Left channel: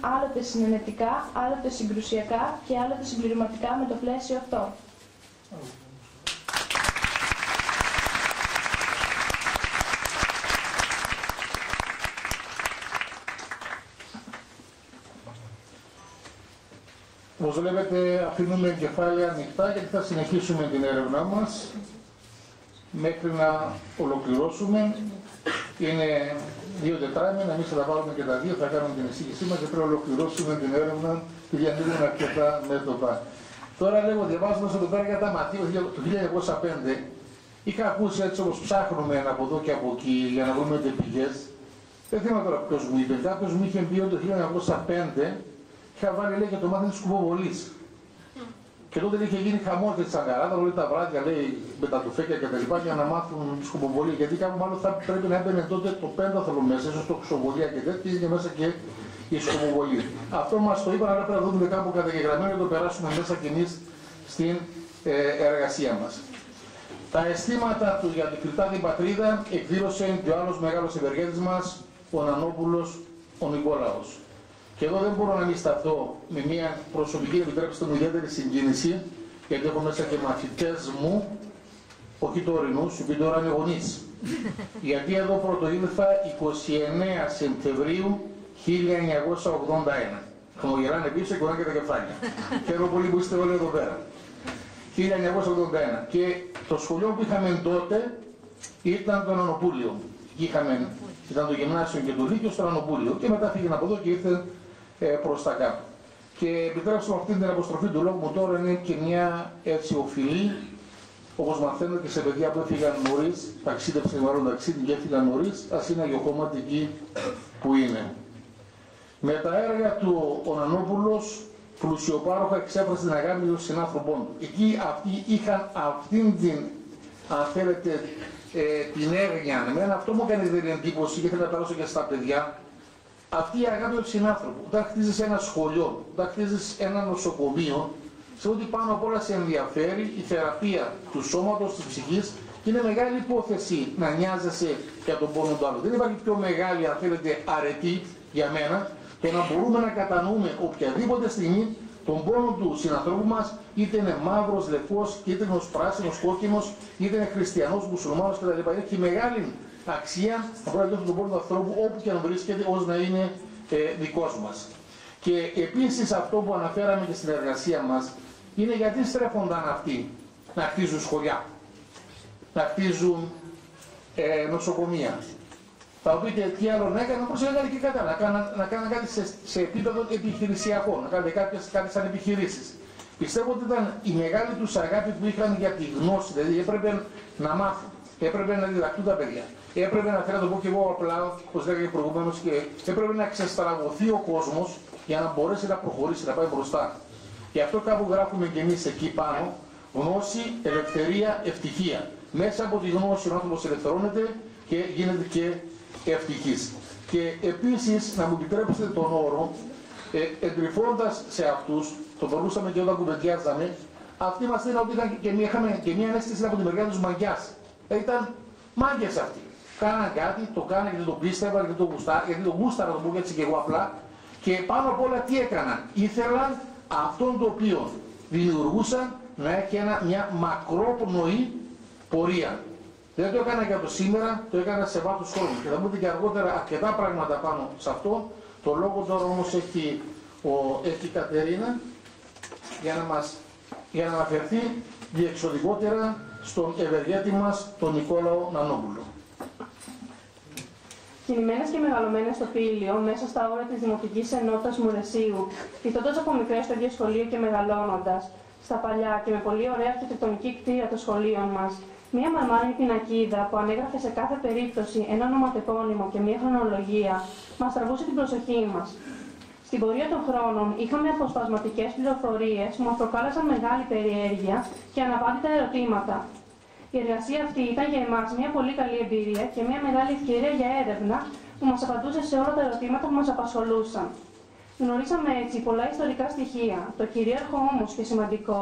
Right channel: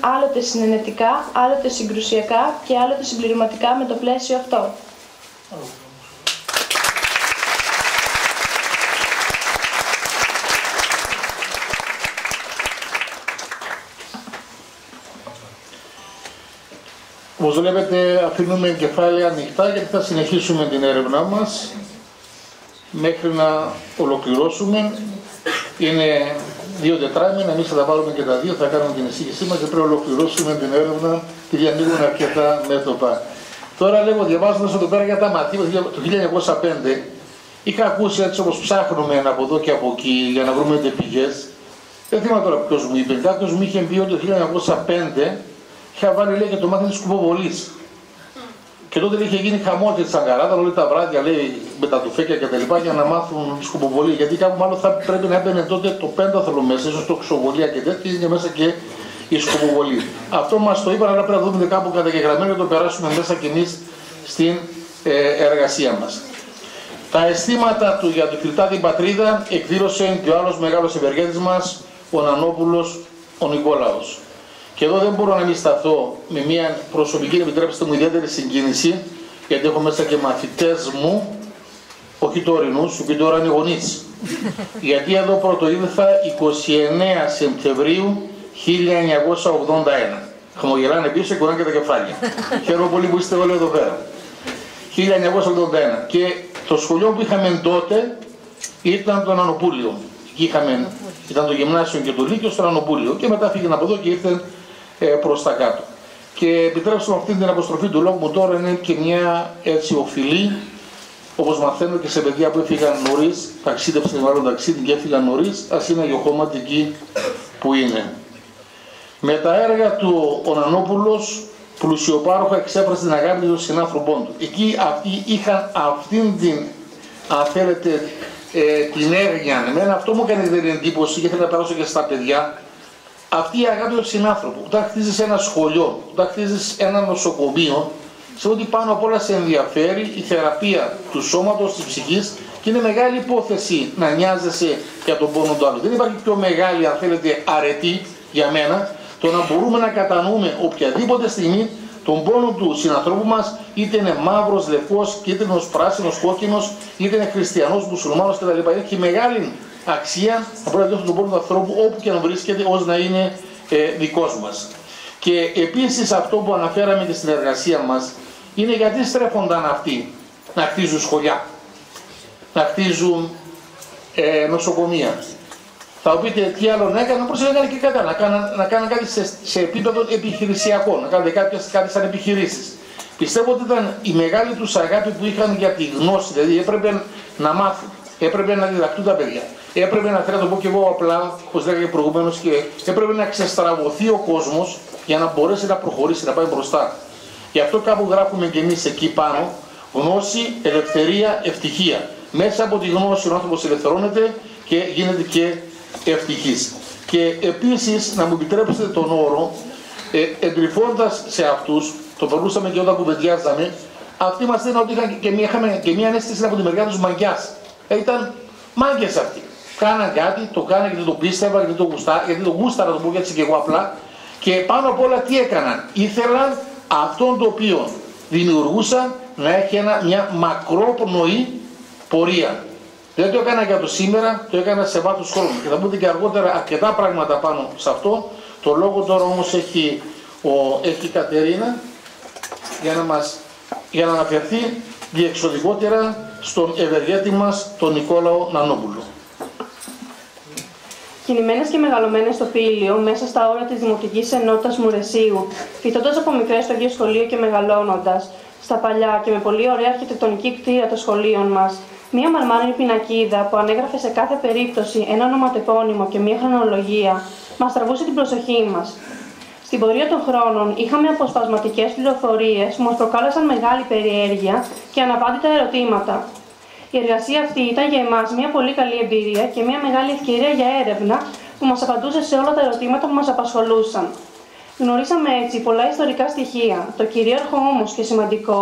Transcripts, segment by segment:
Άλλοτε συνενετικά, άλλοτε συγκρουσιακά και άλλοτε συμπληρωματικά με το πλαίσιο αυτό. Όπως βλέπετε, αφήνουμε κεφάλαια ανοιχτά γιατί θα συνεχίσουμε την έρευνά μας μέχρι να ολοκληρώσουμε. Είναι 2 τετράμινα, εμείς θα τα βάλουμε και τα 2, θα κάνουμε την εισήγησή μας και πρέπει να ολοκληρώσουμε την έρευνα και διανοίγουν αρκετά μέτωπα. Τώρα λέγω, διαβάζοντας εδώ πέρα για τα μαθήματα του 1905, είχα ακούσει έτσι όπως ψάχνουμε από εδώ και από εκεί για να βρούμε πηγές. Δεν θυμάμαι τώρα ποιος μου είπε, κάποιος μου είχε πει ότι το 1905 είχα βάλει λέει, και το μάθημα της κουποβολής. Και τότε είχε γίνει χαμό και τη Αγκαράδα, όλα τα βράδια λέει με τα τουφέκια και τα λοιπά για να μάθουν τη σκουποβολή. Γιατί κάπου μάλλον θα πρέπει να έμπαινε τότε το πένταθλο μέσα, ίσως το ξοβολία και τέτοια, και μέσα και η σκουποβολή. Αυτό μας το είπαν, αλλά πρέπει να δούμε κάπου καταγεγραμμένο και το περάσουμε μέσα κι εμείς στην εργασία μας. Τα αισθήματα του για τη Κρητά την πατρίδα εκδήλωσε και ο άλλος μεγάλος ευεργέτης μας, ο Νανόπουλος, ο Νικόλαος. Και εδώ δεν μπορώ να μην σταθώ με μια προσωπική, επιτρέψτε μου, ιδιαίτερη συγκίνηση, γιατί έχω μέσα και μαθητές μου, όχι τωρινούς, σου πει τώρα είναι γονείς. Γιατί εδώ πρωτοήλθα 29 Σεπτεμβρίου 1981. Χαμογελάνε πίσω και κουνάνε και τα κεφάλια. Χαίρομαι πολύ που είστε όλοι εδώ πέρα. 1981. Και το σχολείο που είχαμε τότε ήταν το Νανοπούλιο. Ήταν το γυμνάσιο και το λύκειο στο Νανοπούλιο. Και μετά φύγανε από εδώ και ήρθαν προς τα κάτω. Και επιτρέψτε μου αυτή την αποστροφή του λόγου μου τώρα είναι και μια έτσι οφειλή, όπως μαθαίνω και σε παιδιά που έφυγαν νωρίς, ταξίδευσαν μάλλον ταξίδι και έφυγαν νωρίς, ας είναι γεωχώματι εκεί που είναι. Με τα έργα του ο Νανόπουλος πλουσιοπάροχα εξέφρασε την αγάπη των συνάνθρωπών του. Εκεί αυτοί είχαν αυτήν την, αν θέλετε, την έγνοια. Εμένα αυτό μου έκανε την εντύπωση και θέλω να περάσω και στα παιδιά. Αυτή η αγάπη του συνάνθρωπου, όταν χτίζεις ένα σχολείο, όταν χτίζεις ένα νοσοκομείο, σε ό,τι πάνω απ' όλα σε ενδιαφέρει η θεραπεία του σώματος, της ψυχής και είναι μεγάλη υπόθεση να νοιάζεσαι για τον πόνο του άλλου. Δεν υπάρχει πιο μεγάλη, αν θέλετε, αρετή για μένα, το να μπορούμε να κατανοούμε οποιαδήποτε στιγμή τον πόνο του συνανθρώπου μας, είτε είναι μαύρος, λευκός, είτε είναι πράσινος, κόκκινος, είτε είναι χριστιανός, μουσουλμάνος κτλ. Έχει μεγάλη αξία να μπορεί να διώχνει τον πόνο του ανθρώπου όπου και να βρίσκεται, ώστε να είναι δικός μας. Και επίσης αυτό που αναφέραμε και στην εργασία μας είναι γιατί στρέφονταν αυτοί να χτίζουν σχολιά, να χτίζουν νοσοκομεία. Θα πείτε τι άλλο να έκαναν, όπως έκανε και κατά, να κάνουν κάτι σε επίπεδο επιχειρησιακό, να κάνουν κάτι σαν επιχειρήσεις. Πιστεύω ότι ήταν η μεγάλη τους αγάπη που είχαν για τη γνώση, δηλαδή έπρεπε να μάθουν, έπρεπε να διδαχτούν τα παιδιά. Έπρεπε να θέλω να το πω και εγώ απλά, όπως λέγαμε προηγουμένως, και έπρεπε να ξεστραβωθεί ο κόσμος για να μπορέσει να προχωρήσει, να πάει μπροστά. Γι' αυτό κάπου γράφουμε και εμείς εκεί πάνω, γνώση, ελευθερία, ευτυχία. Μέσα από τη γνώση ο άνθρωπος ελευθερώνεται και γίνεται και ευτυχής. Και επίσης, να μου επιτρέψετε τον όρο, εντρυφώντας σε αυτούς, το περνούσαμε και όταν κουβεντιάζαμε, αυτοί μας λένε ότι είχαμε και μια αίσθηση από τη μεριά τους μαγκιάς. Ήταν μάγκες αυτοί. Κάναν κάτι, το κάναν γιατί το πίστευαν, γιατί το γούσταρα, το πω έτσι και εγώ απλά. Και πάνω απ' όλα τι έκαναν. Ήθελαν αυτόν το οποίο δημιουργούσαν να έχει μια μακρόπνοη πορεία. Δεν το έκανα για το σήμερα, το έκανα σε βάθος χρόνου. Και θα πούμε και αργότερα αρκετά πράγματα πάνω σε αυτό. Το λόγο τώρα όμως έχει η Κατερίνα για να αναφερθεί διεξοδικότερα στον ευεργέτη μας, τον Νικόλαο Νανόπουλο. Κινημένες και μεγαλωμένες στο Πήλιο, μέσα στα όρια της Δημοτικής Ενότητας Μουρεσίου, φοιτώντας από μικρές στο ίδιο σχολείο και μεγαλώνοντας, στα παλιά και με πολύ ωραία αρχιτεκτονική κτίρια των σχολείων μας, μία μαρμάρινη πινακίδα που ανέγραφε σε κάθε περίπτωση ένα ονοματεπώνυμο και μία χρονολογία, μας τραβούσε την προσοχή μας. Στην πορεία των χρόνων είχαμε αποσπασματικές πληροφορίες που μας προκάλεσαν μεγάλη περιέργεια και αναπάντητα ερωτήματα. Η εργασία αυτή ήταν για εμάς μια πολύ καλή εμπειρία και μια μεγάλη ευκαιρία για έρευνα που μας απαντούσε σε όλα τα ερωτήματα που μας απασχολούσαν. Γνωρίσαμε έτσι πολλά ιστορικά στοιχεία. Το κυρίαρχο όμως και σημαντικό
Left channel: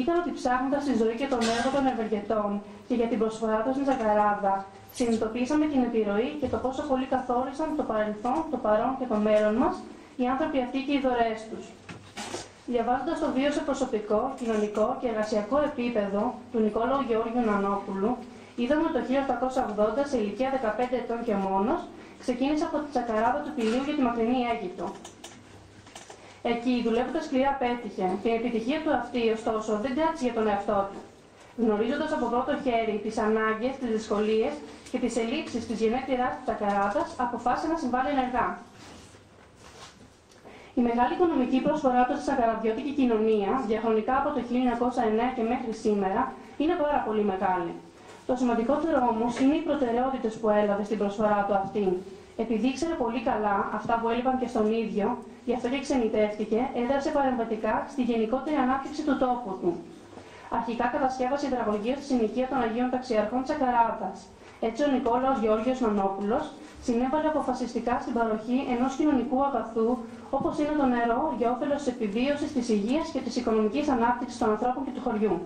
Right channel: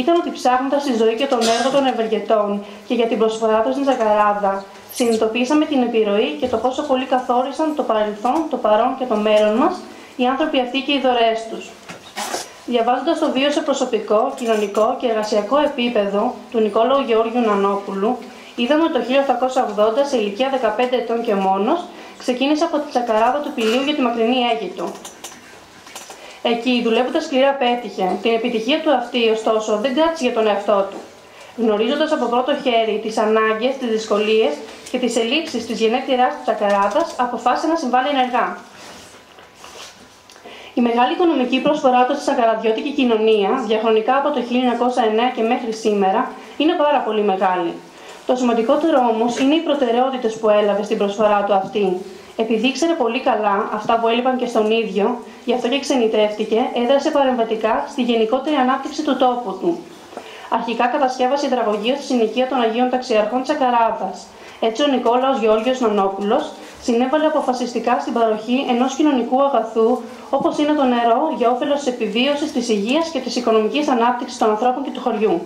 ήταν ότι ψάχνοντας τη ζωή και τον έργο των ευεργετών και για την προσφορά τους στην Ζακαράδα, συνειδητοποίησαμε την επιρροή και το πόσο πολύ καθόρισαν το παρελθόν, το παρόν και το μέλλον μας οι άνθρωποι αυτοί και οι δωρεές τους. Διαβάζοντας το βίο σε προσωπικό, κοινωνικό και εργασιακό επίπεδο του Νικόλαου Γεώργιου Νανόπουλου, είδαμε ότι το 1880, σε ηλικία 15 ετών και μόνος, ξεκίνησε από τη τσακαράδα του Πηλίου για τη μακρινή Αίγυπτο. Εκεί, δουλεύοντας σκληρά, πέτυχε. Την επιτυχία του αυτή, ωστόσο, δεν κράτησε για τον εαυτό του. Γνωρίζοντας από πρώτο χέρι τις ανάγκες, τις δυσκολίες και τις ελλείψεις της γενέτειράς του τσακαράδας, αποφάσισε να συμβάλλει ενεργά. Η μεγάλη οικονομική προσφορά του στη τσακαραδιώτικη κοινωνία, διαχρονικά από το 1909 και μέχρι σήμερα, είναι πάρα πολύ μεγάλη. Το σημαντικότερο όμως είναι οι προτεραιότητες που έλαβε στην προσφορά του αυτή. Επειδή ήξερε πολύ καλά αυτά που έλειπαν και στον ίδιο, γι' αυτό και ξενιτεύτηκε, έδρασε παρεμβατικά στη γενικότερη ανάπτυξη του τόπου του. Αρχικά κατασκεύασε υδραγωγείο στη συνοικία των Αγίων Ταξιαρχών Τσακαράδας. Έτσι, ο Νικόλαος Γεώργιος Νανόπουλος συνέβαλε αποφασιστικά στην παροχή ενός κοινωνικού αγαθού, όπως είναι το νερό, για όφελος της επιβίωσης, της υγείας και της οικονομικής ανάπτυξης των ανθρώπων και του χωριού.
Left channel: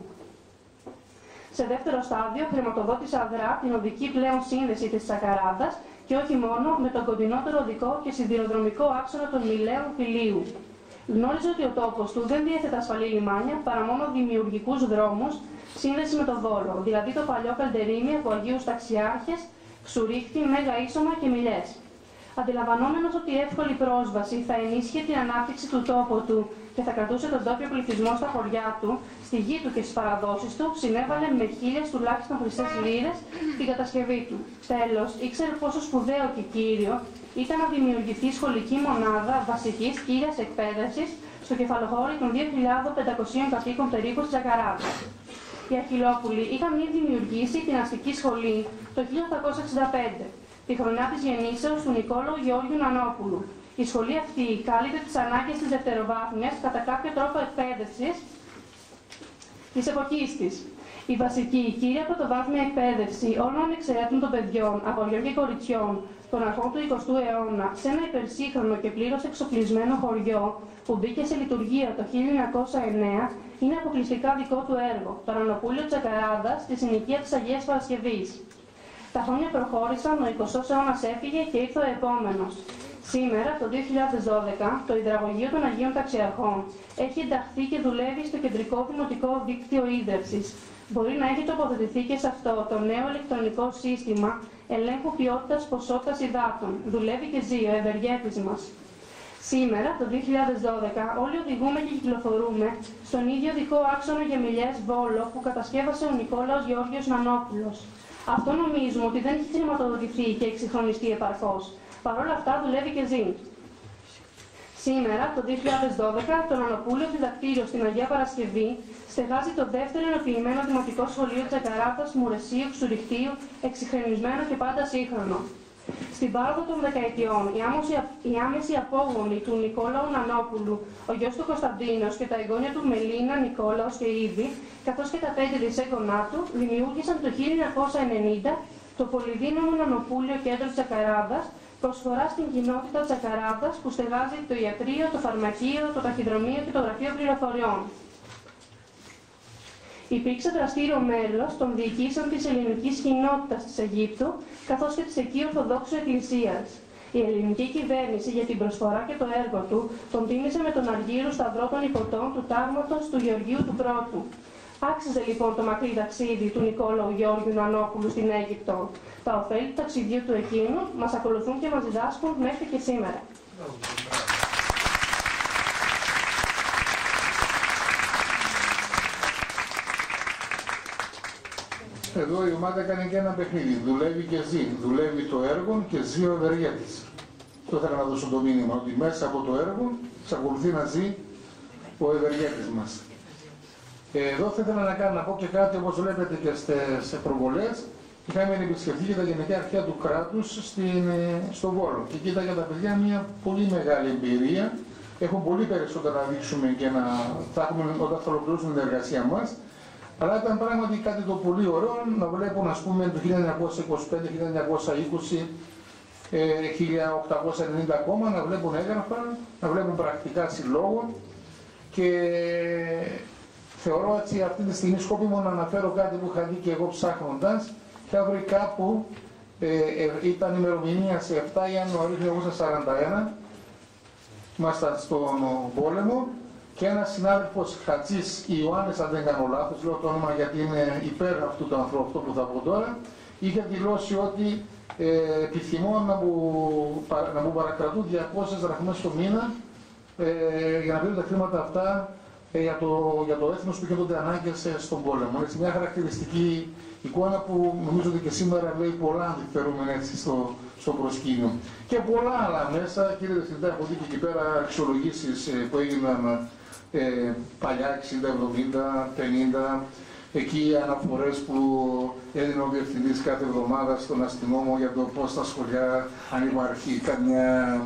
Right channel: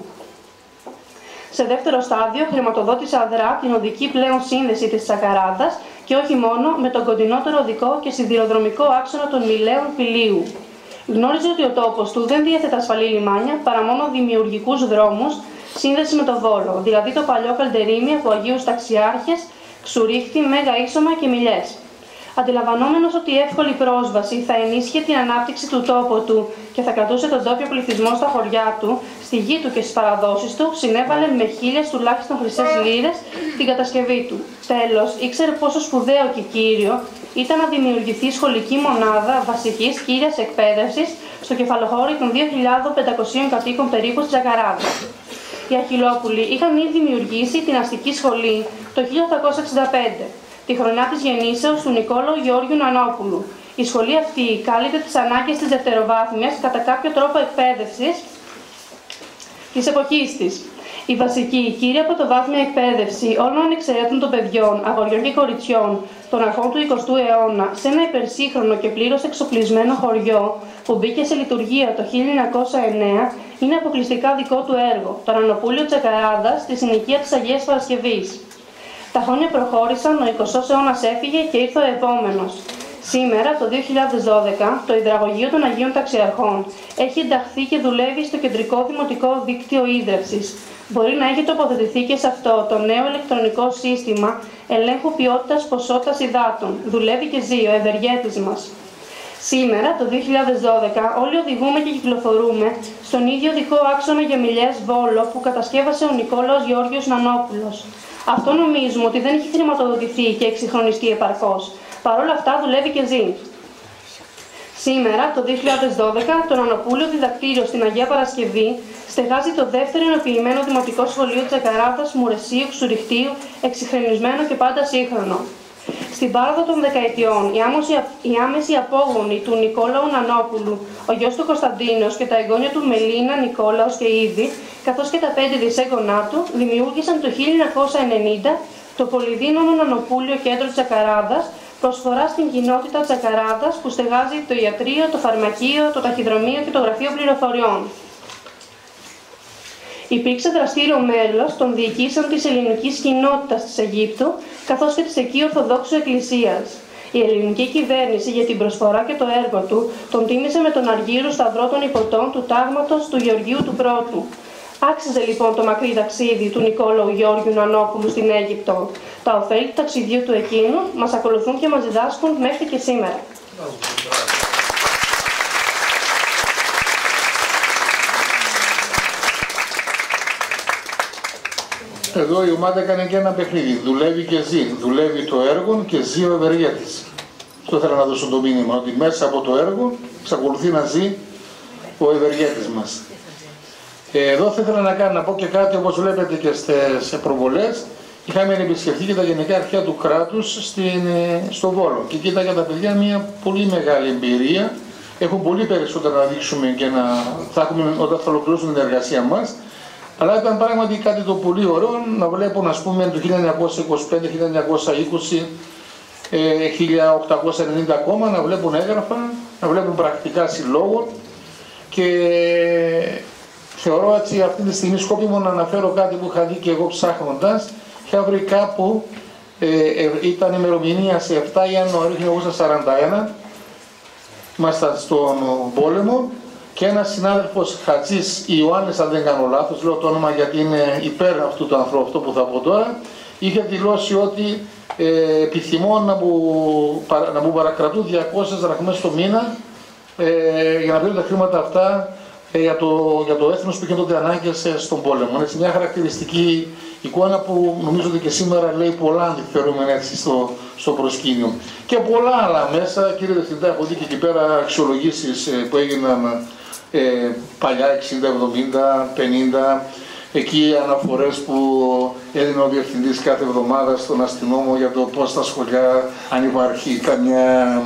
Σε δεύτερο στάδιο, χρηματοδότησε αδρά την οδική πλέον σύνδεση της Τσακαράδας και όχι μόνο με τον κοντινότερο οδικό και σιδηροδρομικό άξονα των Μηλαίων Πηλίου. Γνώριζε ότι ο τόπος του δεν διέθετε ασφαλή λιμάνια παρά μόνο δημιουργικούς δρόμους σύνδεση με το Βόλο, δηλαδή το παλιό Καλτερίμι από Αγίους Ταξιάρχες, Ξουρίχτη, Μέγα Ίσωμα και Μιλιές. Αντιλαμβανόμενος ότι η εύκολη πρόσβαση θα ενίσχυε την ανάπτυξη του τόπου του και θα κρατούσε τον τόπιο πληθυσμό στα χωριά του, στη γη του και στις παραδόσεις του, συνέβαλε με 1000 τουλάχιστον χρυσές λίρες την κατασκευή του. Τέλος, ήξερε πόσο σπουδαίο και κύριο ήταν να δημιουργηθεί σχολική μονάδα βασικής κύριας εκπαίδευσης στο κεφαλοχώρι των 2.500 κατοίκων περίπου της Τσακαράδας. Οι Αχυλόπουλοι είχαν ήδη δημιουργήσει την αστική σχολή το 1865. Τη χρονιά της γεννήσεως του Νικόλαου Γεώργιου Νανόπουλου. Η σχολή αυτή κάλυπτε τις ανάγκες της δευτεροβάθμιας κατά κάποιο τρόπο εκπαίδευσης της εποχής της. Η βασική, η κύρια πρωτοβάθμια εκπαίδευση όλων ανεξαιρέτων των παιδιών, αγοριών και κοριτσιών των αρχών του 20ου αιώνα σε ένα υπερσύγχρονο και πλήρως εξοπλισμένο χωριό που μπήκε σε λειτουργία το 1909, είναι αποκλειστικά δικό του έργο, το Νανοπούλιο Τσακαράδας στη συνοικία της Αγίας Παρασκευής. Τα χρόνια προχώρησαν, ο 20ος αιώνας έφυγε και ήρθε ο επόμενος. Σήμερα, το 2012, το υδραγωγείο των Αγίων Ταξιαρχών έχει ενταχθεί και δουλεύει στο κεντρικό δημοτικό δίκτυο ίδρυυσης. Μπορεί να έχει τοποθετηθεί και σε αυτό το νέο ηλεκτρονικό σύστημα ελέγχου ποιότητας ποσότητας υδάτων. Δουλεύει και ζει ο ευεργέτης μας. Σήμερα, το 2012, όλοι οδηγούμε και κυκλοφορούμε στον ίδιο οδικό άξονα για Μιλιές Βόλο που κατασκεύασε ο Νικόλαος Γεώργιος Νανόπουλος. Αυτό νομίζουμε ότι δεν έχει χρηματοδοτηθεί και εξυγχρονιστεί επαρκώς. Παρ' όλα αυτά δουλεύει και ζει. Σήμερα, το 2012, το Νανοπούλιο Διδακτήριο στην Αγία Παρασκευή στεγάζει το δεύτερο ενοποιημένο δημοτικό σχολείο της Τσακαράδας, Μουρεσίου, Ξουριχτίου, εξυγχρονισμένο και πάντα σύγχρονο. Στην πάροδο των δεκαετιών, οι άμεσοι απόγονοι του Νικόλαου Νανόπουλου, ο γιος του Κωνσταντίνος και τα εγγόνια του Μελίνα, Νικόλαος και Ήδη, καθώς και τα 5 δισέγγονά του, δημιούργησαν το 1990 το πολυδύναμο Νανοπούλιο Κέντρο Τσακαράδας, προσφορά στην κοινότητα Τσακαράδας που στεγάζει το ιατρείο, το φαρμακείο, το ταχυδρομείο και το γραφείο πληροφοριών. Υπήρξε δραστήριο μέλος των διοικήσεων της ελληνικής κοινότητας της Αιγύπτου, καθώς και της εκεί Ορθοδόξου Εκκλησίας. Η ελληνική κυβέρνηση για την προσφορά και το έργο του τον τίμησε με τον Αργύρο Σταυρό των Υποτών του τάγματος του Γεωργίου του Πρώτου. Άξιζε λοιπόν το μακρύ ταξίδι του Νικόλαου Γεώργιου Νανόπουλου στην Αίγυπτο. Τα ωφέλη του ταξιδιού του εκείνου μας ακολουθούν και μας διδάσκουν μέχρι και σήμερα. Εδώ η ομάδα έκανε και ένα παιχνίδι. Δουλεύει και ζει. Δουλεύει το έργο και ζει ο ευεργέτης. Αυτό ήθελα να δώσω το μήνυμα, ότι μέσα από το έργο εξακολουθεί να ζει ο ευεργέτης μας. Εδώ θα ήθελα να πω και κάτι, όπως βλέπετε και σε προβολές. Είχαμε επισκεφτεί και τα γενικά αρχεία του κράτους στο Βόλο. Και κοίταγε τα παιδιά μια πολύ μεγάλη εμπειρία. Έχουν πολύ περισσότερα να δείξουμε και θα έχουμε όταν θα ολοκληρώσουμε την εργασία μας. Αλλά ήταν πράγματι κάτι το πολύ ωραίο να βλέπουν, ας πούμε, το 1925, 1920, 1890 ακόμα, να βλέπουν έγγραφα, να βλέπουν πρακτικά συλλόγων και θεωρώ έτσι αυτή τη στιγμή σκόπιμο να αναφέρω κάτι που είχα δει και εγώ ψάχνοντας. Είχα βρει κάπου, ήταν ημερομηνία σε 7 Ιανουαρίου 1941, ήμασταν στον πόλεμο και ένας συνάδελφος Χατζής Ιωάννης, αν δεν κάνω λάθος, λέω το όνομα γιατί είναι υπέρ αυτού του ανθρώπου, αυτό που θα πω τώρα, είχε δηλώσει ότι επιθυμώ να μου παρακρατούν 200 δραχμές το μήνα για να παίρνουν τα χρήματα αυτά για το έθνος που είχε τότε ανάγκες στον πόλεμο. Είναι μια χαρακτηριστική εικόνα που νομίζω ότι και σήμερα λέει πολλά, αν τη φέρουμε έτσι στο προσκήνιο. Και πολλά άλλα μέσα, κύριε Διευθυντά, έχω δει και εκεί πέρα αξιολογήσεις που έγιναν παλιά, 60, 70, 50, εκεί αναφορές που έδινε ο Διευθυντής κάθε εβδομάδα στον αστυνόμο για το πώς στα σχολεία, αν υπάρχει καμιά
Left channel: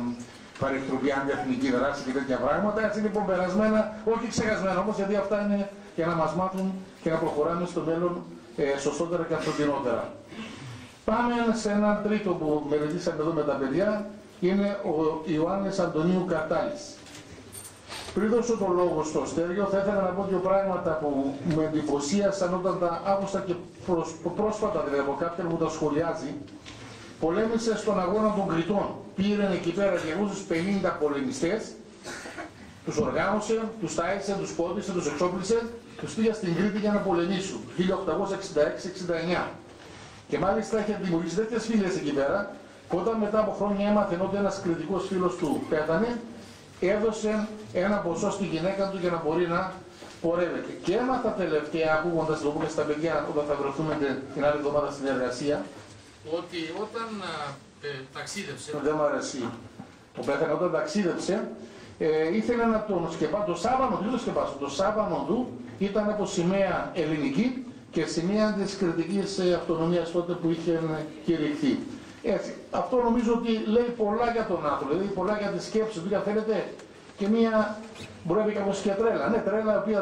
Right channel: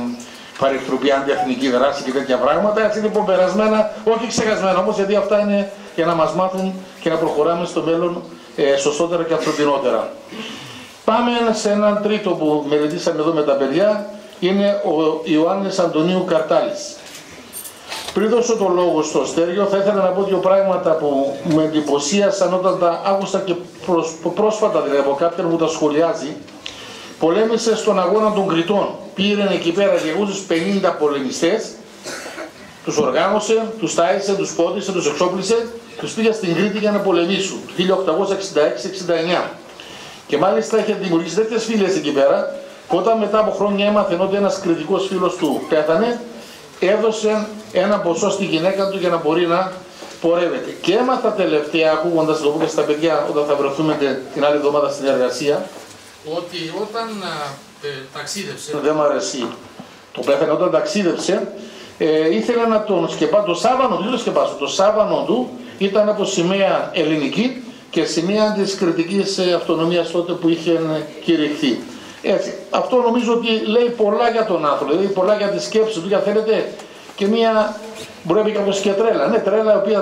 παρεκτροπή αντιεθνική δράση και τέτοια πράγματα. Έτσι λοιπόν περασμένα, όχι ξεχασμένα όμως, γιατί αυτά είναι για να μας μάθουν και να προχωράμε στο μέλλον σωστότερα και ανθρωπινότερα. Πάμε σε έναν τρίτο που μελετήσαμε εδώ με τα παιδιά, είναι ο Ιωάννης Αντωνίου Καρτάλης. Πριν δώσω το λόγο στο Στέργιο, θα ήθελα να πω δύο πράγματα που με εντυπωσίασαν όταν τα άκουσα και πρόσφατα, δηλαδή από κάποιον που τα σχολιάζει. Πολέμησε στον αγώνα των Κρητών. Πήρε εκεί πέρα και τους 50 πολεμιστές, τους οργάνωσε, τους τάισε, τους πόντισε, τους εξόπλισε, τους πήγε στην Κρήτη για να πολεμήσουν το 1866-69. Και μάλιστα είχε δημιουργήσει τέτοιες φυλές εκεί πέρα, που όταν μετά από χρόνια έμαθε ότι ένας κριτικός φίλος του πέθανε, έδωσε ένα ποσό στη γυναίκα του για να μπορεί να πορεύεται. Και έμαθα τελευταία, ακούγοντας το πω και στα παιδιά, όταν θα βρεθούμε την άλλη εβδομάδα στην εργασία, ότι όταν ταξίδευσε, δεν μου αρέσει το πέθανε, όταν ταξίδευσε, ήθελε να τον σκεπάσει, το σάβανο του ήταν από σημαία ελληνική και σημαία της κριτικής αυτονομίας τότε που είχε κηρυχθεί. Έτσι, αυτό νομίζω ότι λέει πολλά για τον άνθρωπο, λέει πολλά για τη σκέψη του, για θέλετε και μία, μπορεί να πει κάποιος και τρέλα. Ναι,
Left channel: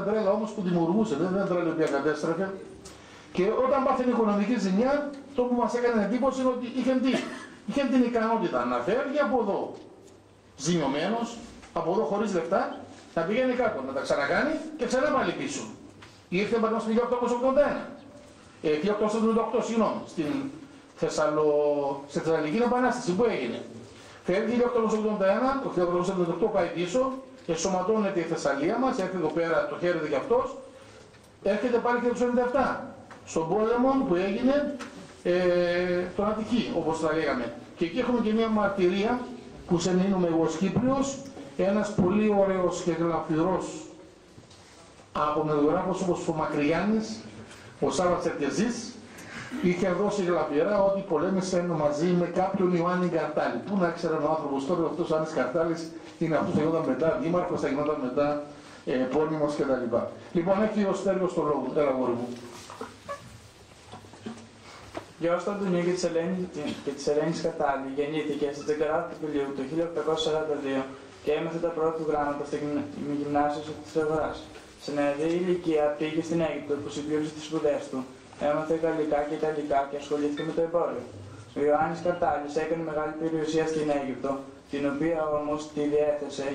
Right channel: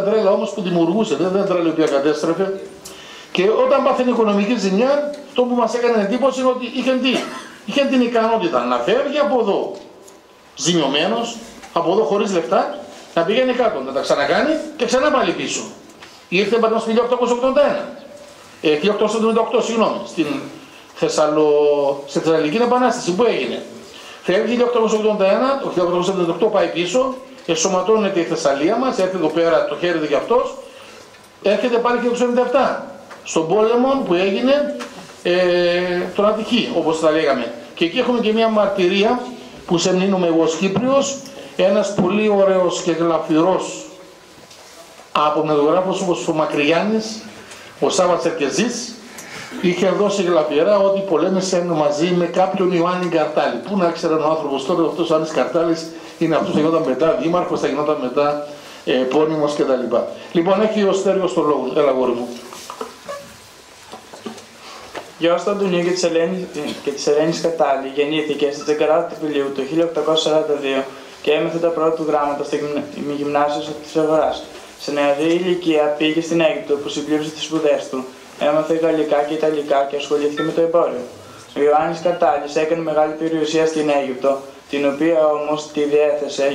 τρέλα όμως που δημιουργούσε, δεν τρέλα η οποία κατέστρεφε. Και όταν πάθαινε οικονομική ζημιά, το που μας έκανε εντύπωση είναι ότι είχε την ικανότητα να φεύγει από εδώ ζημιωμένος, από εδώ χωρίς λεφτά, να πηγαίνει κάτω, να τα ξανακάνει και ξανά πάλι πίσω. Ήρθε πάνω στο 1878, συγγνώμη, στην Θεσσαλονική Επανάσταση που έγινε. Φεύγει το 1878 πάει πίσω, εσωματώνεται η Θεσσαλία μας, έρχεται εδώ πέρα, το χαίρεται κι αυτός, έρχεται πάλι και το 97, στον πόλεμο που έγινε τον Αττική, όπως τα λέγαμε. Και εκεί έχουμε και μια μαρτυρία που σε μνήνομαι εγώ ως Κύπριος, ένας πολύ ωραίος και γλαφυρός απομνεδογράφος όπως ο Μακρυγιάννης, ο Σάββας Ερκεζής, είχε δώσει γλαφυρά ότι πολέμησε μαζί με κάποιον Ιωάννη Καρτάλη. Πού να ξέραν ο άνθρωπος τώρα, αυτός ο Ιωάννης Καρτάλης είναι αυτός που θα γινόταν μετά δήμαρχος, θα γινόταν μετά επώνυμος κτλ. Λοιπόν, έχει ο Στέργιος το λόγο. Έλα, γόρι μου. Γιος του Αντωνίου και της Ελένης Καρτάλη γεννήθηκε στις 19 Απριλίου του 1842 και έμαθε τα πρώτα του γράμματα στο γυμνάσιο της Αγοράς. Σε νεαρή ηλικία πήγε στην Αίγυπτο που συμπλήρωσε τις σπουδές του. Έμαθε γαλλικά και ιταλικά και ασχολήθηκε με το εμπόριο. Ο Ιωάννης Καρτάλης έκανε μεγάλη περιουσία στην Αίγυπτο, την οποία όμως τη διέθεσε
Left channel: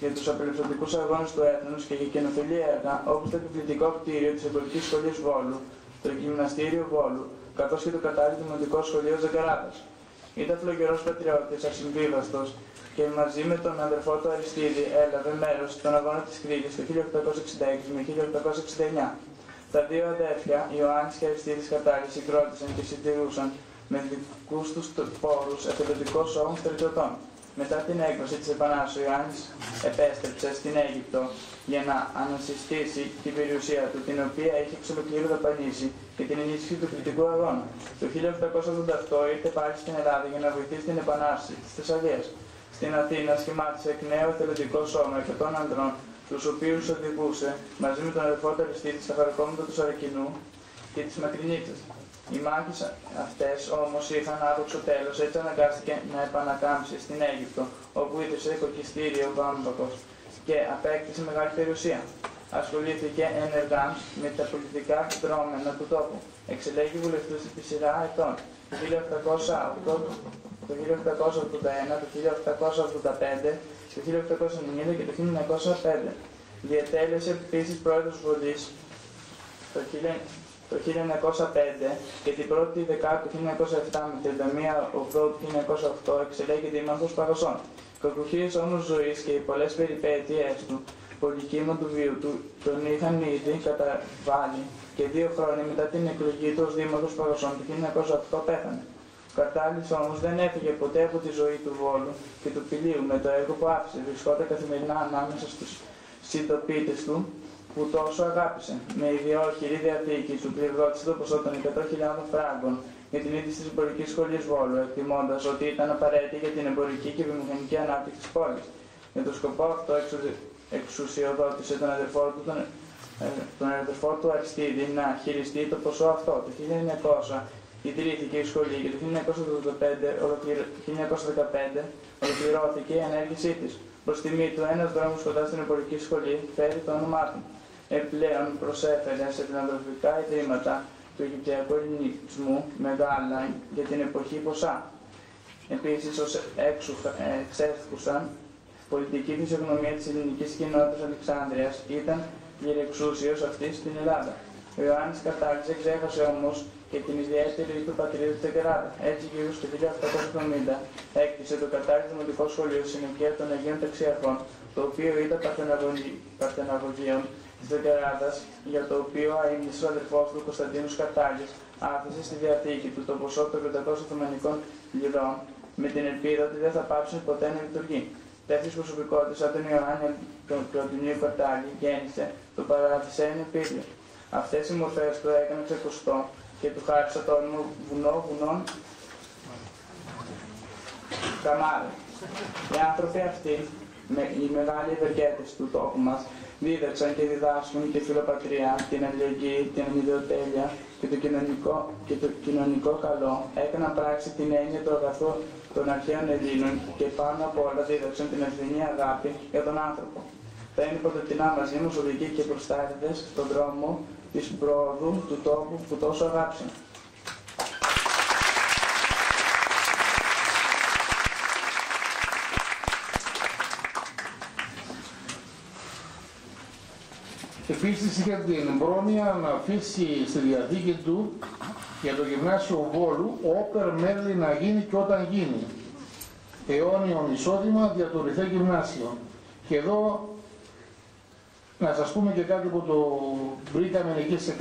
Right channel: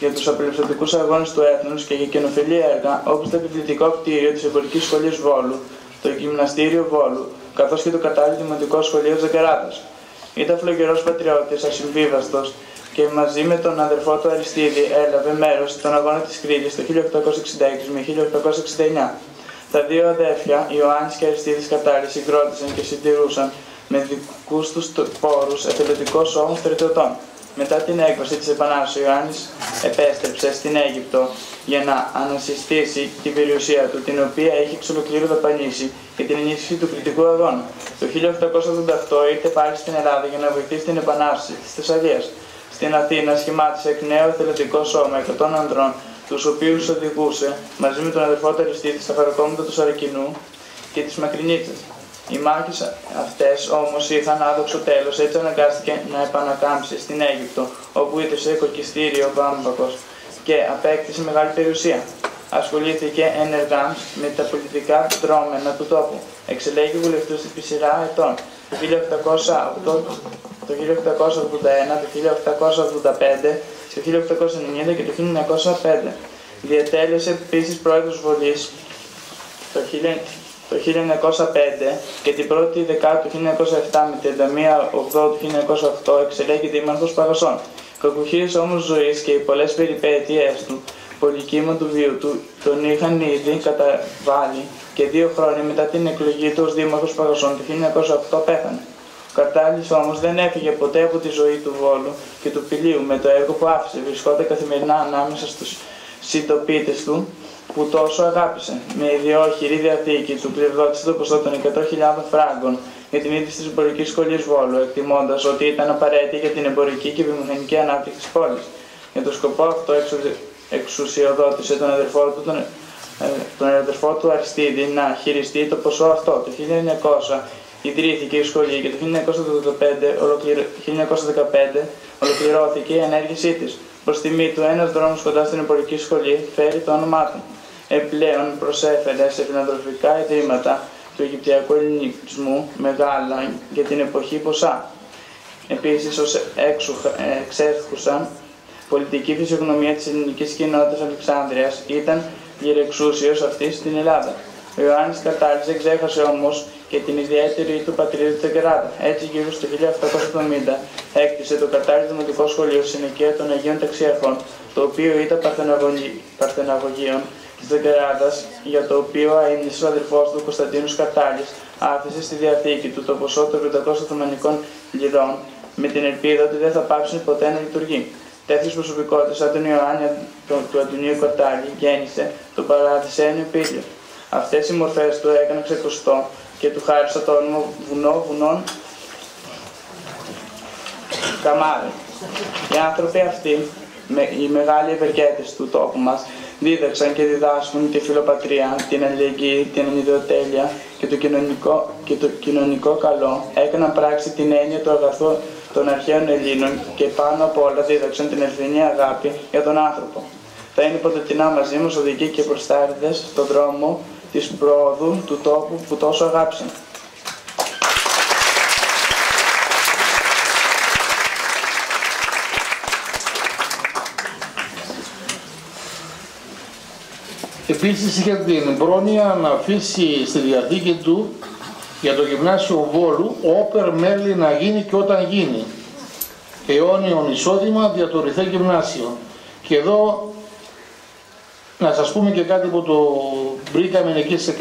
για τους απελευθερωτικούς αγώνες του έθνους και για κοινοφιλή έργα, όπως το επιβλητικό κτίριο της Εμπορικής Σχολής Βόλου, το Γυμναστήριο Βόλου, καθώς και το κατάλληλο Δημοτικό Σχολείο Ζακαράτας. Ήταν φλογερός πατριώτης, ασυμβίβαστος και μαζί με τον αδερφό του Αριστίδη έλαβε μέρος στον αγώνα της Κρήτης το 1866 με 1869. Τα δύο αδέρφια, Ιωάννης και Αριστίδης Καρτάλης, συγκρότησαν και συντηρούσαν με δικούς τους πόρους εθελοντικό σώμα στρατιωτών. Μετά την έκβαση της Επανάστασης, ο Ιωάννης επέστρεψε στην Αίγυπτο για να ανασυστήσει την περιουσία του, την οποία είχε εξ ολοκλήρου δαπανίσει για την ενίσχυση του κριτικού αγώνα. Το 1888 ήρθε πάλι στην Ελλάδα για να βοηθήσει την Επανάσταση της Θεσσαλίας. Στην Αθήνα σχημάτισε εκ νέου εθελοντικό σώμα 100 ανδρών, τους οποίους οδηγούσε μαζί με τον αδερφό του Αριστίδη στα παρακόμματα του Σαρακινού και της Μακρινίτσας. Οι μάχες αυτές όμως είχαν άδοξο τέλος, έτσι αναγκάστηκε να επανακάμψει στην Αίγυπτο, όπου ίδρυσε οικοκυστήριο Βάμπακος και απέκτησε μεγάλη περιουσία. Ασχολήθηκε ενεργά με τα πολιτικά δρόμενα του τόπου. Εξελέγει βουλευτής επί σειρά ετών. Το 1881, το 1885, το 1890 και το 1905. Διατέλεσε επίσης πρόεδρος Βολής το 1905 και την 1η Δεκάτου του 1907 με 31 Οκτώβρου του 1908 εξελέγει δήμαρχος Παγασών. Κακουχίες όμως ζωής και οι πολλές περιπέτειές του, πολυκύμα του βίου του, τον είχαν ήδη καταβάλει και 2 χρόνια μετά την εκλογή του ως δήμαρχος Παγασών το 1908 πέθανε. Ο Καρτάλης όμως δεν έφυγε ποτέ από τη ζωή του Βόλου και του Πηλίου με το έργο που άφησε. Βρισκόταν καθημερινά ανάμεσα στους συντοπίτες του που τόσο αγάπησε. Με ιδιόχειρη διαθήκη του κληροδότησε το ποσό των 100.000 φράγκων για την ίδρυση της εμπορικής σχολής Βόλου, εκτιμώντας ότι ήταν απαραίτητη για την εμπορική και βιομηχανική ανάπτυξη της πόλης. Για τον σκοπό αυτό εξουσιοδότησε τον αδερφό του Αριστίδη να χειριστεί το ποσό αυτό. Το 1900 ιδρύθηκε η σχολή και το 1915 ολοκληρώθηκε η ενέργειά της. Προς τιμή του, ένας δρόμος κοντά στην εμπορική σχολή φέρει το όνομά του. Επιπλέον προσέφερε σε φιλανθρωπικά ιδρύματα του Αιγυπτιακού Ελληνισμού μεγάλα για την εποχή ποσά. Επίσης, ως εξέχουσα πολιτική φυσιογνωμία της ελληνικής κοινότητας Αλεξάνδρειας ήταν γερεξούσιος αυτής στην Ελλάδα. Ο Ιωάννης Καρτάλης δεν ξέχασε όμως και την ιδιαίτερη του πατρίδα του Τεκεράτα. Έτσι, γύρω στο 1870 έκτισε το Καρτάλης Δημοτικό Σχολείο στη συνοικία των Αγίων Ταξιαρχών, το οποίο ήταν παρθεναγωγείων της Τεκεράτας, για το οποίο αείμνησε ο αδελφός του Κωνσταντίνος Καρτάλης άφησε στη διαθήκη του το ποσό των 500 Οθωμανικών λιρών με την ελπίδα ότι δεν θα πάψουν ποτέ να λειτουργεί. Τέτοιες προσωπικότητες σαν τον Ιωάννη του Αντωνίου Καρτάλη γέννησε το Παραδεισένιο Πήλιο. Αυτές οι μορφές του έκαναν ξεχωριστό και του χάρισα το όνομα βουνών Καμάρι. Οι άνθρωποι αυτοί, οι μεγάλοι ευεργέτες του τόπου μας, δίδαξαν και διδάσκουν τη φιλοπατρία, την αλληλεγγύη, την ανιδεοτέλεια και το κοινωνικό καλό. Έκαναν πράξη την έννοια του αγαθού των αρχαίων Ελλήνων και πάνω απ' όλα δίδαξαν την αληθινή αγάπη για τον άνθρωπο. Θα είναι πρωτοτινά μαζί μας οδηγοί και προστάριδες στον δρόμο της πρόοδου του τόπου που τόσο αγάπησαν. Επίσης είχε την πρόνοια να αφήσει στη διαθήκη του για το Γυμνάσιο Βόλου όπερ μέλη να γίνει και όταν γίνει. Αιώνιον εισόδημα δια το Ρηθέ Γυμνάσιο. Και εδώ να σας πούμε και κάτι που το βρήκαμε εκεί σε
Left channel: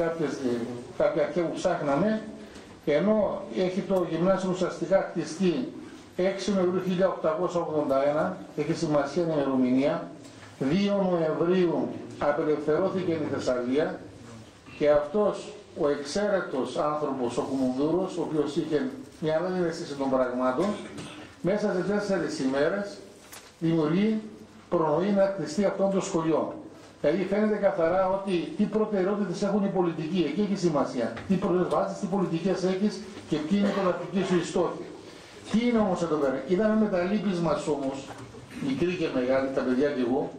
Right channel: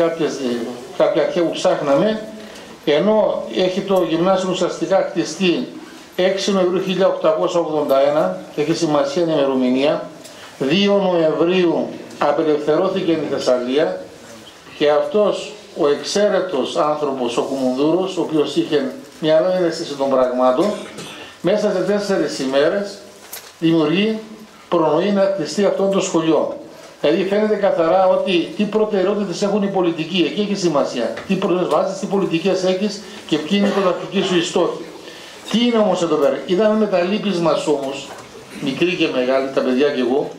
κάποια αρχαία που ψάχναμε. Ενώ έχει το γυμνάσιο ουσιαστικά χτιστεί 6 Νοεμβρίου 1881, έχει σημασία η ημερομηνία, 2 Νοεμβρίου απελευθερώθηκε η Θεσσαλία και αυτός ο εξαίρετος άνθρωπος, ο Κουμουνδούρος, ο οποίος είχε μια άλλη αίσθηση των πραγμάτων, μέσα σε 4 ημέρες δημιουργεί, προνοεί να χτιστεί αυτό το σχολείο. Δηλαδή φαίνεται καθαρά ότι τι προτεραιότητες έχουν οι πολιτικοί, εκεί έχει σημασία. Τι προσβάσεις, τι πολιτικές έχεις και ποιοι είναι οι πρωταρχικοί σου οι στόχοι. Τι είναι όμως εδώ πέρα. Είδαμε με τα λύπης μας όμως, μικροί και μεγάλοι, τα παιδιά και εγώ,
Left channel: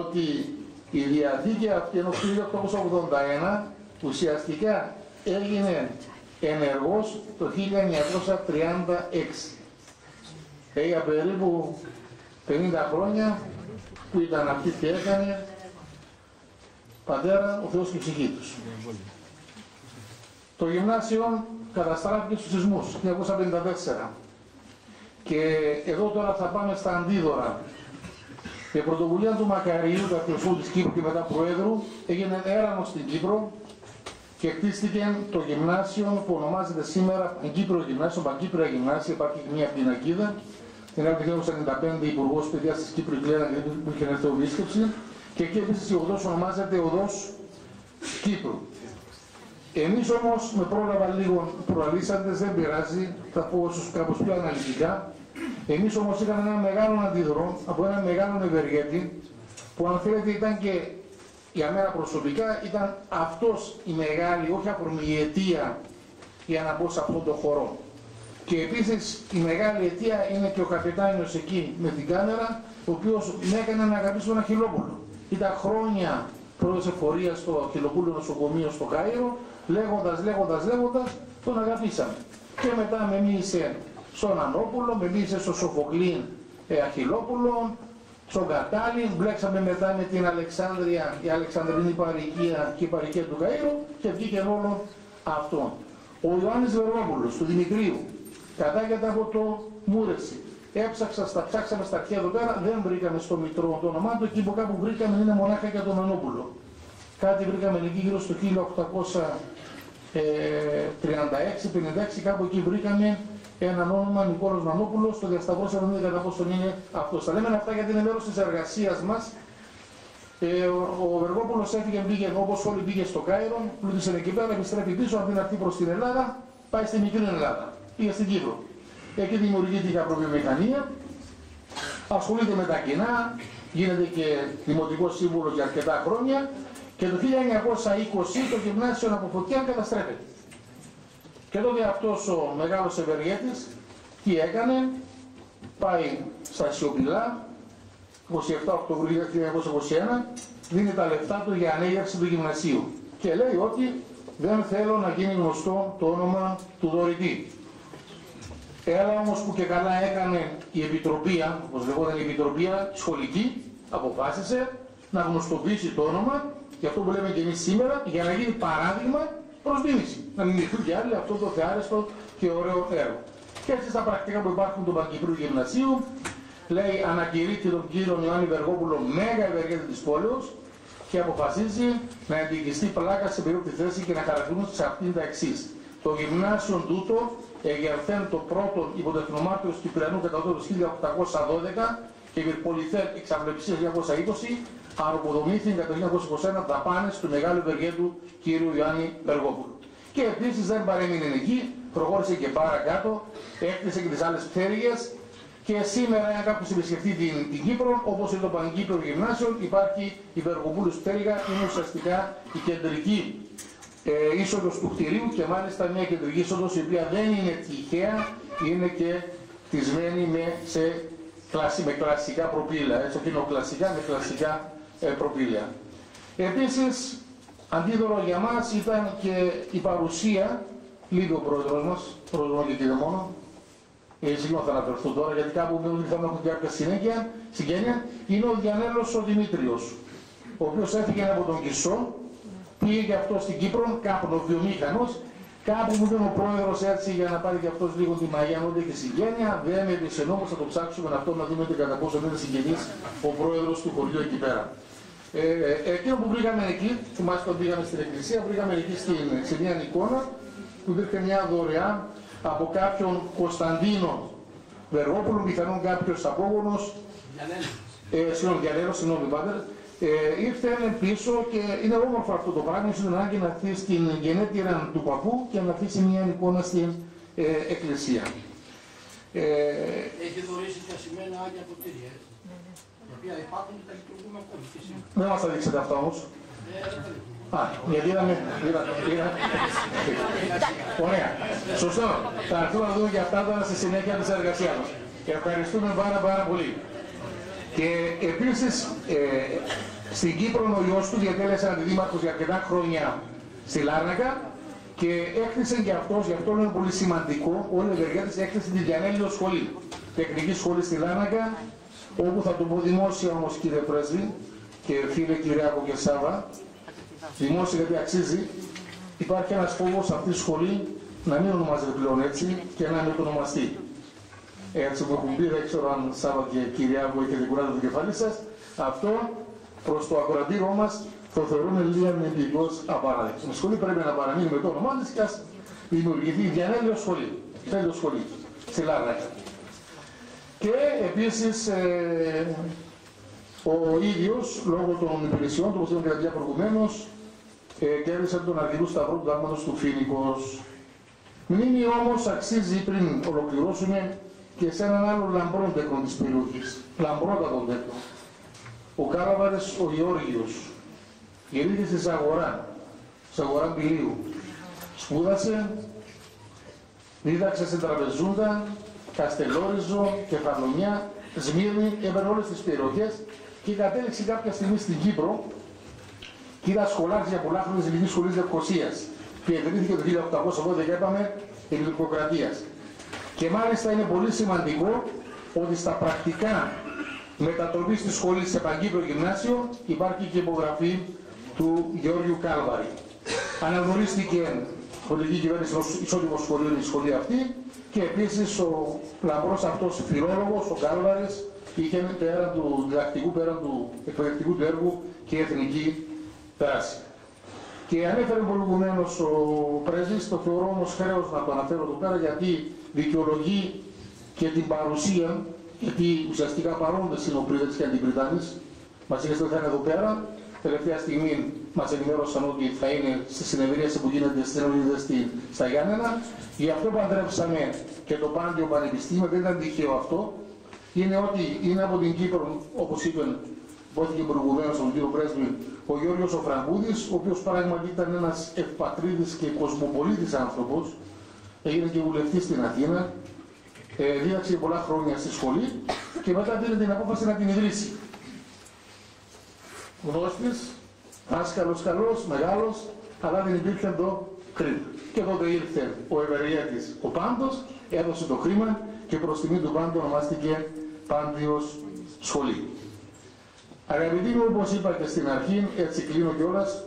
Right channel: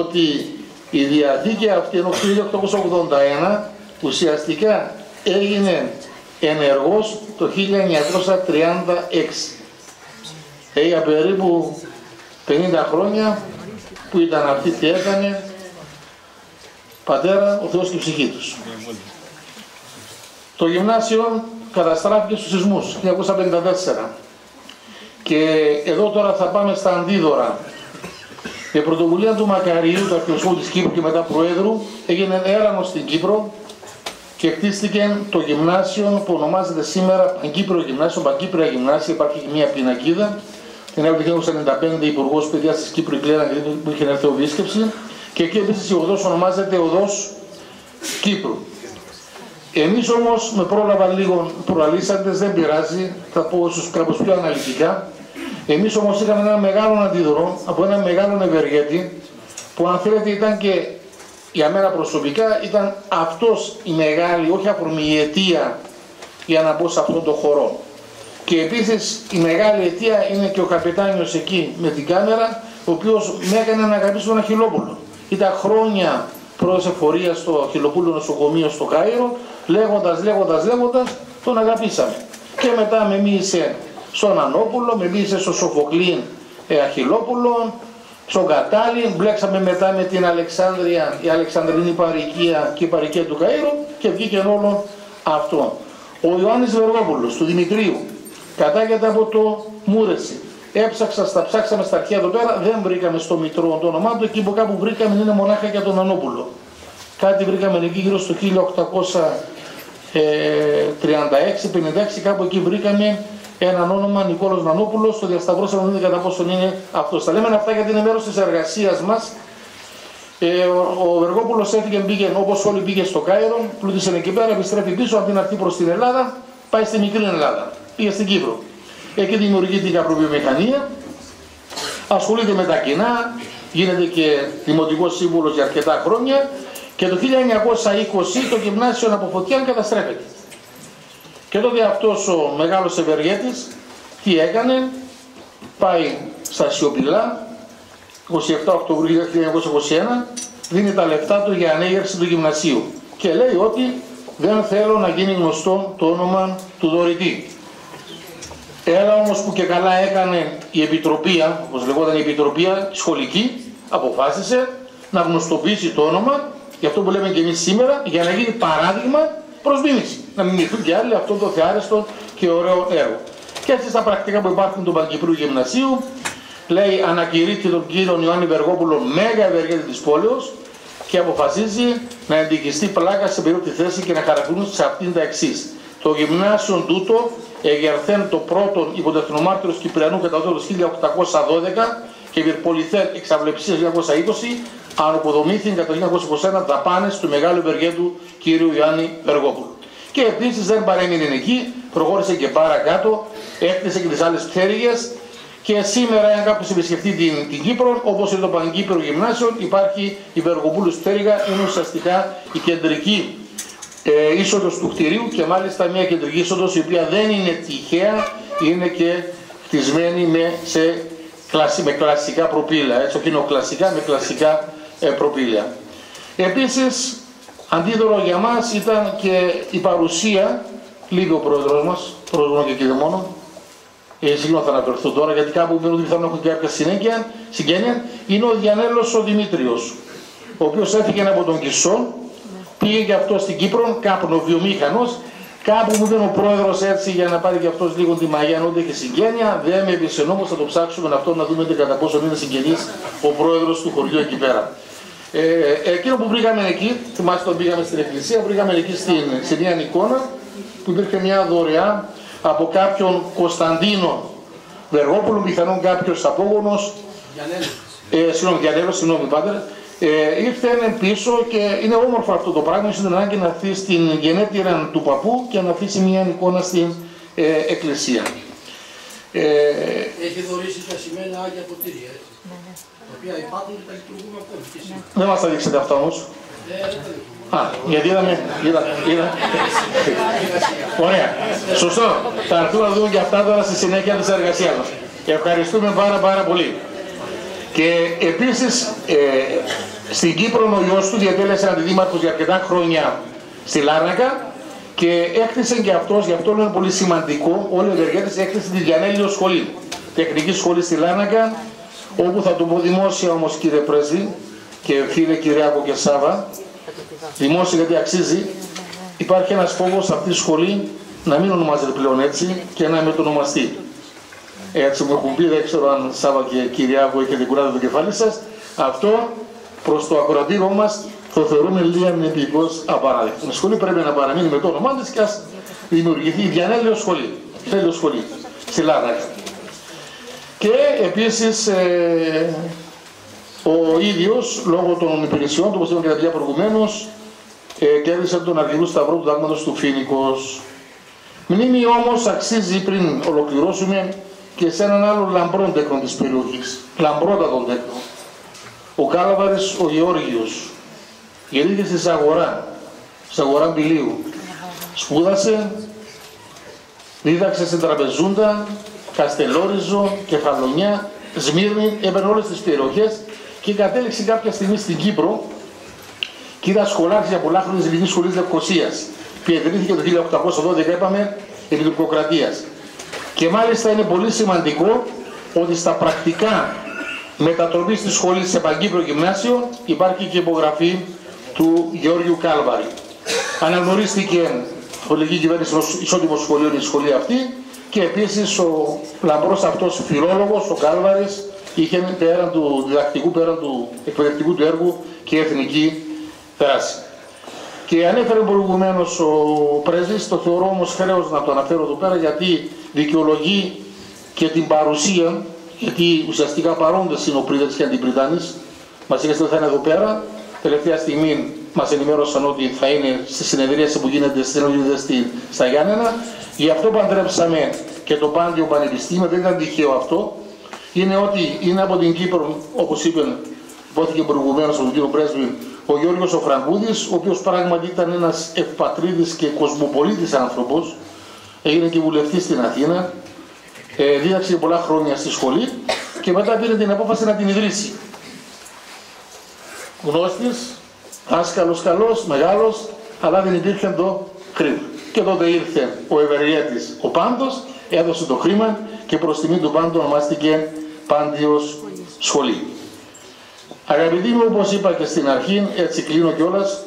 ότι η διαθήκη αυτή ενώ 1881 ουσιαστικά έγινε ενεργός το 1936. Για περίπου 50 χρόνια που ήταν αυτή τι έκανε, πατέρα, ο Θεός και η ψυχή τους. Το γυμνάσιο καταστράφηκε στους σεισμούς 1954. Και εδώ τώρα θα πάμε στα αντίδωρα. Η πρωτοβουλία του Μακαρίου, του αρχιοσκόπου της Κύπρου και μετά Προέδρου, έγινε έρανος στην Κύπρο και χτίστηκε το γυμνάσιο που ονομάζεται σήμερα Παγκύπριο Γυμνάσιο, Παγκύπρια Γυμνάσια. Υπάρχει και μια πινακίδα. Την έκανε το 1995 Υπουργός Παιδείας της Κύπρου, η Κλέρα, που είχε έρθει επίσκεψη. Και εκεί επίσης η οδός ονομάζεται Οδός Κύπρου. Εμείς όμως με πρόλαβα λίγο προαλήσαντες, δεν πειράζει, θα πω ίσως κάπως πιο αναλυτικά. Εμείς όμως είχαμε ένα μεγάλο αντίδωρο από ένα μεγάλο ευεργέτη που αν θέλετε ήταν και για μένα προσωπικά ήταν αυτός η μεγάλη, όχι αφορμή, η αιτία για να πω σε αυτόν τον χώρο. Και επίσης η μεγάλη αιτία είναι και ο καπετάνιος εκεί με την κάμερα, ο οποίος με έκανε να αγαπήσω τον Αχιλλόπουλο. Ήταν χρόνια πρώτης εφορίας στο Αχιλλοπούλο νοσοκομείο στο Κάιρο, λέγοντας, τον αγαπήσαμε. Και μετά με μίλησε στον Ανόπουλο, με μίλησε στο Σοφοκλή Αχιλλόπουλο, στον Κατάλη, μπλέξαμε μετά με την Αλεξάνδρεια, η Αλεξανδρινή παροικία και η παροικία του Καΐρου και βγήκε όλο αυτό. Ο Ιωάννης Βεργόπουλος του Δημητρίου κατάγεται από το Μούρεση. ψάξαμε στα αρχαία εδώ πέρα, δεν βρήκαμε στο μητρό το όνομά του, εκεί που κάπου βρήκαμε είναι μονάχα για τον Νανόπουλο. Κάτι βρήκαμε εκεί γύρω στο 1836-56, κάπου εκεί βρήκαμε έναν όνομα Νικόλος Νανόπουλος, το διασταυρώσαμε, δεν είναι κατά πόσον είναι αυτός. Τα λέμε αυτά γιατί είναι μέρος της εργασίας μας. Ο Βεργόπουλος έφυγε, πήγε όπως όλοι, πήγε στο Κάιρο, πλούτησε εκεί πέρα, επιστρέφει πίσω, από την αρχή προς την Ελλάδα, πάει στη μικρή Ελλάδα, πήγε στην Κύπρο. Εκεί δημιουργεί την καπροβιομηχανία, ασχολείται με τα κοινά, γίνεται και δημοτικός σύμβουλος για αρκετά χρόνια και το 1920 το γυμνάσιο από φωτιά καταστρέφεται. Και τότε αυτός ο μεγάλος ευεργέτης τι έκανε, πάει στα σιωπηλά, 27 Οκτωβρίου 1921, δίνει τα λεφτά του για ανέγερση του γυμνασίου και λέει ότι δεν θέλω να γίνει γνωστό το όνομα του δωρητή. Έλα όμως που και καλά έκανε η Επιτροπία, όπως λεγόταν η Επιτροπία σχολική, αποφάσισε να γνωστοποιήσει το όνομα, για αυτό που λέμε και εμείς σήμερα, για να γίνει παράδειγμα προς μίμηση. Να μιμηθούν και άλλοι αυτό το θεάρεστο και ωραίο έργο. Και έτσι στα πρακτικά που υπάρχουν του Παγκυπρίου Γυμνασίου, λέει ανακηρύττει τον κύριο Ιωάννη Βεργόπουλο μέγα ευεργέτη της πόλεως και αποφασίζει να εντικιστεί πλάκα σε περίπτωση θέση και να χαρακτηρίζουν σε αυτήν τα εξής. Το γυμνάσιο τούτο εγερθέν το πρώτον υποτεθνομάρτυρος Κυπριανού κατά το 1812 και πυρπολιθέν εξαυλεψίας 1920, αναποδομήθηκαν κατά το 1921 δαπάνες του μεγάλου ευεργέτου κύριου Ιωάννη Βεργόπουλου. Και επίσης δεν παρέμεινε εκεί, προχώρησε και παρακάτω, έκτισε και τις άλλες πτέρυγες και σήμερα, αν κάποιος επισκεφτεί την Κύπρο, όπως είναι το Παγκύπριο Γυμνάσιο, υπάρχει η Βεργοπούλου πτέρυγα, είναι ουσιαστικά η κεντρική είσοδος του κτηρίου και μάλιστα μια κεντρική είσοδος η οποία δεν είναι τυχαία, είναι και χτισμένη με κλασικά προπύλαια, έτσι οκινοκλασικά με κλασικά προπύλαια. Επίσης, αντίδωρο για μας ήταν και η παρουσία, λίγο ο πρόεδρος μας, πρόεδρος και κύριε μόνο, συγγνώμη θα αναφερθώ τώρα γιατί κάπου μείνουν ότι θα έχουν και κάποια συγγένεια, είναι ο Διανέλος ο Δημήτριος, ο οποίος έφυγε από τον Κισό, πήγε και αυτό στην Κύπρο, καπνοβιομήχανος, κάπου μου είπε ο πρόεδρος έτσι για να πάρει και αυτός λίγο τη μαγιά, ούτε και συγγένεια, δεν με έπεισε όμως, θα το ψάξουμε αυτό να δούμε κατά πόσο είναι συγγενής ο πρόεδρος του χωριού εκεί πέρα. Εκείνο που βρήκαμε εκεί, θυμάστε όταν πήγαμε στην εκκλησία, βρήκαμε εκεί σε μια εικόνα που υπήρχε μια δωρεά από κάποιον Κωνσταντίνο Βεργόπουλο, πιθανόν κάποιος απόγονος, συγγνώμη πάτερ, ήρθε πίσω και είναι όμορφο αυτό το πράγμα, είναι ανάγκη να αφήσει στην γενέτειρα του παππού και να αφήσει μια εικόνα στην εκκλησία. Έχει δωρήσει τα σημαίνα Άγια Ποτήρια, έτσι. Τα οποία υπάρχουν και τα λειτουργούμε ακόμη και σήμερα. Δεν μας τα δείξετε αυτά όμως. Γιατί είδαμε. Ωραία. Σωστό. Θα έρθουμε να δούμε και αυτά τώρα στη συνέχεια της εργασίας μας. Ευχαριστούμε πάρα πολύ. Και επίσης στην Κύπρο ο γιος του διατέλεσε αντιδήμαρχος για αρκετά χρόνια στη Λάρνακα και έκτισε και αυτός, γι' αυτό είναι πολύ σημαντικό, όλοι οι ευεργέτες έκτισε τη Διανέλειο Σχολή, τεχνική σχολή στη Λάρνακα, όπου θα το πω δημόσια όμως κύριε Πρέσβη και φίλε Κυριάκο και Σάβα, δημόσια γιατί αξίζει, υπάρχει ένας φόβος αυτή τη σχολή να μην ονομάζεται πλέον έτσι και να μετονομαστεί. Έτσι μου έχουν πει, δεν ξέρω αν Σάβα και Κυριάκο έχετε κουράδει το κεφάλι σας, αυτό προς το ακροατήριο μας το θεωρούμε λίγα μηνυτικός απαράδεκτο. Η σχολή πρέπει να παραμείνει με το όνομά της και ας δημιουργηθεί η Διανέλειο Σχολή, σχολή, στη Λάρνακα. Και επίσης ο ίδιος, λόγω των υπηρεσιών του, όπως είπαμε και τα παιδιά προηγουμένως, κέρδισε τον Αργυρού Σταυρό του Δάγματος του Φοίνικος. Μνήμη όμως αξίζει πριν ολοκληρώσουμε και σε έναν άλλο λαμπρό τέκνο της περιοχής, λαμπρότατον τέκνο. Ο Κάλαβαρης ο Γεώργιος γεννήθηκε στη Ζαγορά Μπηλίου. Σπούδασε, δίδαξε στην Τραπεζούντα, Καστελόριζο, Κεφαλονιά, Σμύρνη, έπαιρνε όλες τις περιοχές και κατέληξε κάποια στιγμή στην Κύπρο και είδα σχολάρχης για πολλά χρόνια της Ελληνικής Σχολής Λευκωσίας. Πιετρήθηκε το 1812, είπαμε, επί του Ιπποκρατίας. Και μάλιστα είναι πολύ σημαντικό ότι στα πρακτικά μετατροπής της σχολής σε Παγκύπριο Γυμνάσιο υπάρχει και υπογραφή του Γεώργιου Κάλβαρη. Αναγνωρίστηκε η πολιτική κυβέρνηση ως ισότιμο σχολείο η σχολή αυτή Και επίσης ο λαμπρός αυτός φιλόλογος, ο Κάλβαρης, είχε πέραν του διδακτικού, πέραν του εκπαιδευτικού του έργου και εθνική δράση. Και ανέφερε προηγουμένως ο πρέσβης, το θεωρώ όμως χρέος να το αναφέρω εδώ πέρα, γιατί δικαιολογεί και την παρουσία, γιατί ουσιαστικά παρόντες είναι ο πρίδατης και αντιπριδάνης. Μας είπατε ότι θα είναι εδώ πέρα. Τελευταία στιγμή μας ενημέρωσαν ότι θα είναι στη συνεδρίαση που γίνεται στα Γιάννενα. Γι' αυτό παντρέψαμε και το Πάντιο Πανεπιστήμιο, δεν ήταν τυχαίο αυτό. Είναι ότι είναι από την Κύπρο, όπως υπόθηκε προηγουμένως από τον κύριο πρέσβη, ο Γιώργος ο Φραγκούδης, ο οποίος πράγματι ήταν ένας ευπατρίδης και κοσμοπολίτης άνθρωπος. Έγινε και βουλευτής στην Αθήνα, δίδαξε πολλά χρόνια στη σχολή και μετά πήρε την απόφαση να την ιδρύσει. Γνώστης, άσκαλος καλός, μεγάλος, αλλά δεν υπήρχε το χρήμα. Και τότε ήρθε ο ευεργέτης ο Πάντος, έδωσε το χρήμα και προς τιμή του Πάντου ονομάστηκε Πάντιος Σχολή. Αγαπητοί μου, όπως είπα και στην αρχή, έτσι κλείνω κιόλας,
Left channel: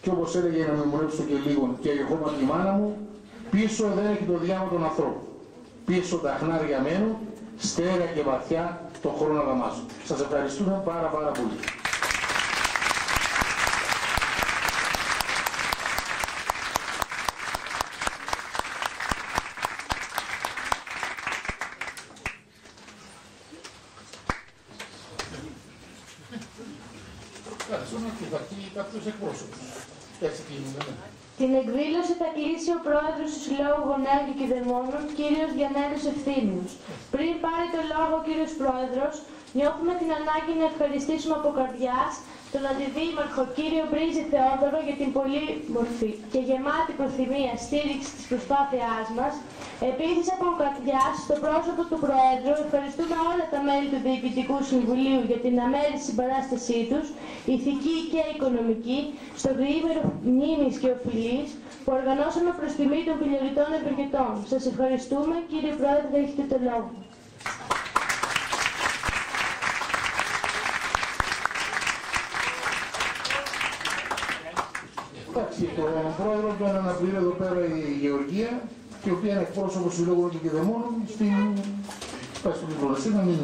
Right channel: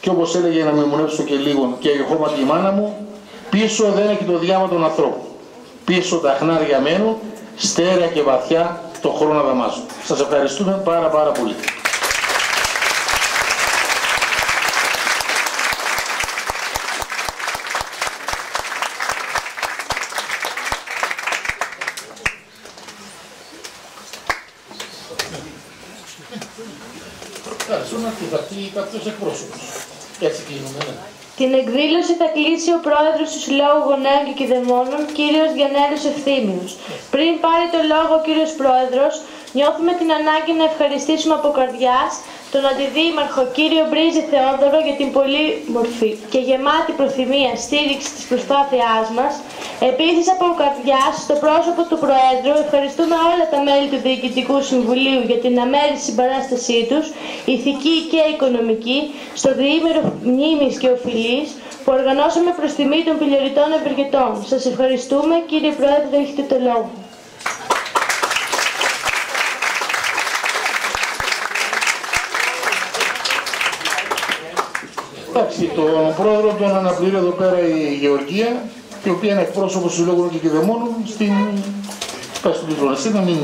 και όπως έλεγε να μνημονεύσω και λίγο και η χώματη η μάνα μου, πίσω δεν έχει το διάμα των ανθρώπων. Πίσω τα χνάρια μένουν, στέρεα και βαθιά το χρόνο δαμάζουν. Σας ευχαριστούμε πάρα πολύ. Την εκδήλωση θα κλείσει ο πρόεδρος του Συλλόγου Γονέων και Κηδεμόνων, κύριος Διανέλος Ευθύμιος. Πριν πάρει το λόγο ο κύριος πρόεδρος, νιώθουμε την ανάγκη να ευχαριστήσουμε από καρδιάς τον Αντιδήμαρχο κύριο Μπρίζη Θεόδωρο για την πολύμορφη και γεμάτη προθυμία στήριξη της προσπάθειάς μας. Επίσης από καρδιάς, στο πρόσωπο του Προέδρου, ευχαριστούμε όλα τα μέλη του Διοικητικού Συμβουλίου για την αμέριστη συμπαράστασή τους, ηθική και οικονομική, στο διήμερο μνήμης και οφειλής που οργανώσαμε προς τιμή των πηλιοριτών ευεργετών. Σας ευχαριστούμε. Κύριε Πρόεδρε, έχετε το λόγο. Εντάξει, τον πρόεδρο τον αναπληρεί εδώ πέρα η Γεωργία, η οποία είναι εκπρόσωπος του Συλλόγου και Κηδεμόνων στην πάση του Λιβρονεσί, να μην...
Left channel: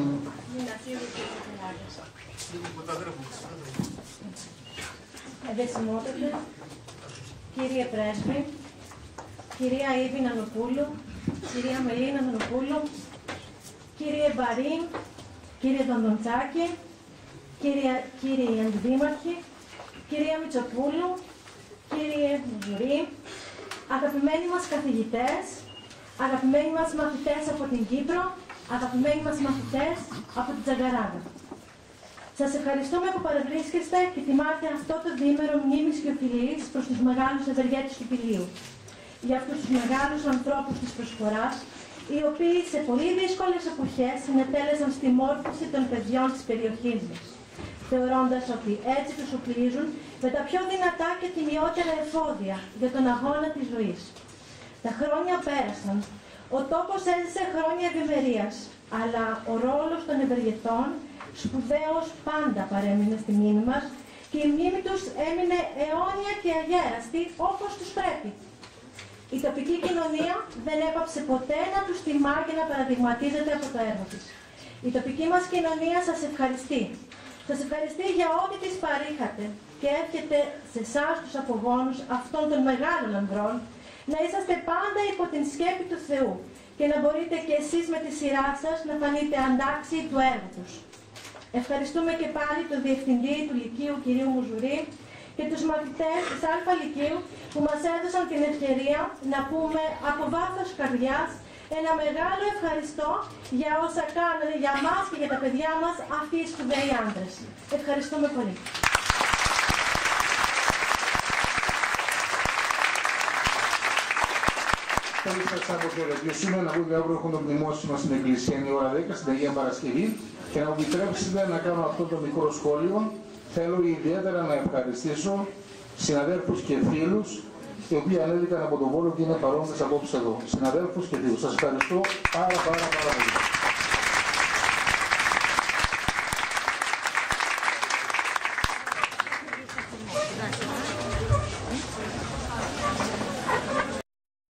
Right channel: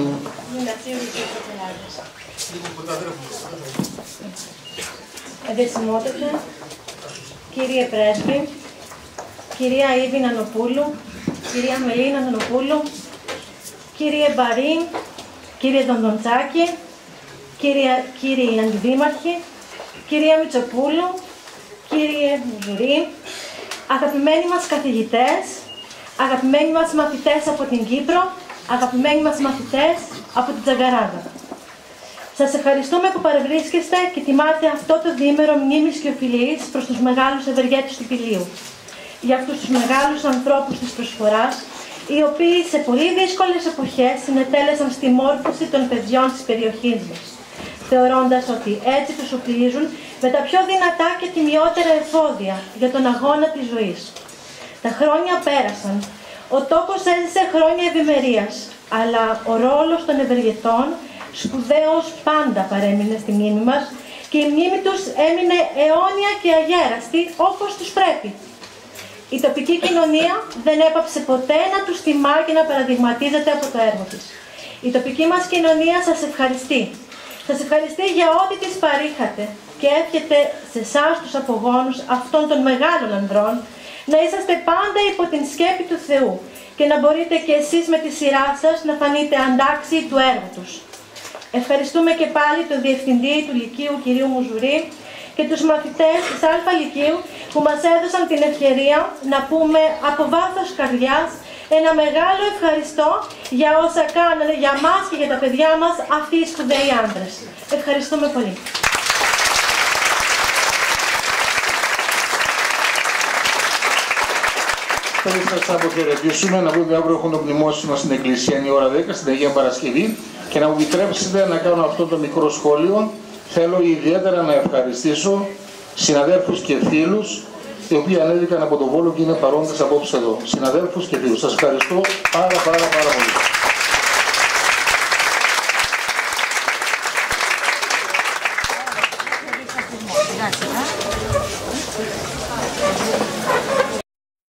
Εδεσιμότατε, κύριε Πρέσβη, κυρία Ήβη Νανοπούλου, κυρία Μελίνα Νανοπούλου, κύριε Μπαρίν, κύριε Δοντοντσάκη, κύριοι Αντιδήμαρχοι, κυρία Μητσοπούλου, κύριε Μουζουρή, αγαπημένοι μας καθηγητές, αγαπημένοι μας μαθητές από την Κύπρο, αγαπημένοι μας μαθητές από την Τζαγκαράδα. Σας ευχαριστούμε που παρευρίσκεστε και τιμάτε αυτό το διήμερο μνήμης και οφειλής προς τους μεγάλους ευεργέτες του Πηλίου. Για αυτούς τους μεγάλους ανθρώπους της προσφοράς, οι οποίοι σε πολύ δύσκολες εποχές συνετέλεσαν στη μόρφωση των παιδιών της περιοχής μας, θεωρώντας ότι έτσι τους οπλίζουν με τα πιο δυνατά και τιμιότερα εφόδια για τον αγώνα της ζωής. Τα χρόνια πέρασαν, ο τόπος έζησε χρόνια ευημερίας, αλλά ο ρόλος των ευεργετών σπουδαίος πάντα παρέμεινε στη μνήμη μας και η μνήμη τους έμεινε αιώνια και αγέραστη όπως τους πρέπει. Η τοπική κοινωνία δεν έπαψε ποτέ να τους τιμά και να παραδειγματίζεται από το έργο της. Η τοπική μας κοινωνία σας ευχαριστεί. Σας ευχαριστεί για ό,τι της παρήχατε και εύχεται σε εσάς τους απογόνους αυτών των μεγάλων ανδρών να είσαστε πάντα υπό την σκέπη του Θεού και να μπορείτε και εσείς με τη σειρά σας να φανείτε αντάξιοι του έργου τους. Ευχαριστούμε και πάλι τον Διευθυντή του Λυκείου κ. Μουζουρή και τους μαθητές της Α Λυκείου που μας έδωσαν την ευκαιρία να πούμε από βάθος καρδιάς ένα μεγάλο ευχαριστώ για όσα κάνανε για μας και για τα παιδιά μας αυτοί οι σπουδαίοι άντρες. Ευχαριστούμε πολύ. Θέλω να σας αποχαιρετήσουμε, να πούμε αύριο έχουμε το μνημόσυνο στην Εκκλησία, η ώρα 10, στην Αγία Παρασκευή, και να μου επιτρέψετε να κάνω αυτό το μικρό σχόλιο. Θέλω ιδιαίτερα να ευχαριστήσω συναδέλφους και φίλους οι οποίοι ανέβηκαν από τον Βόλο και είναι παρόντες απόψε εδώ. Συναδέλφους και φίλους, σας ευχαριστώ πάρα πολύ.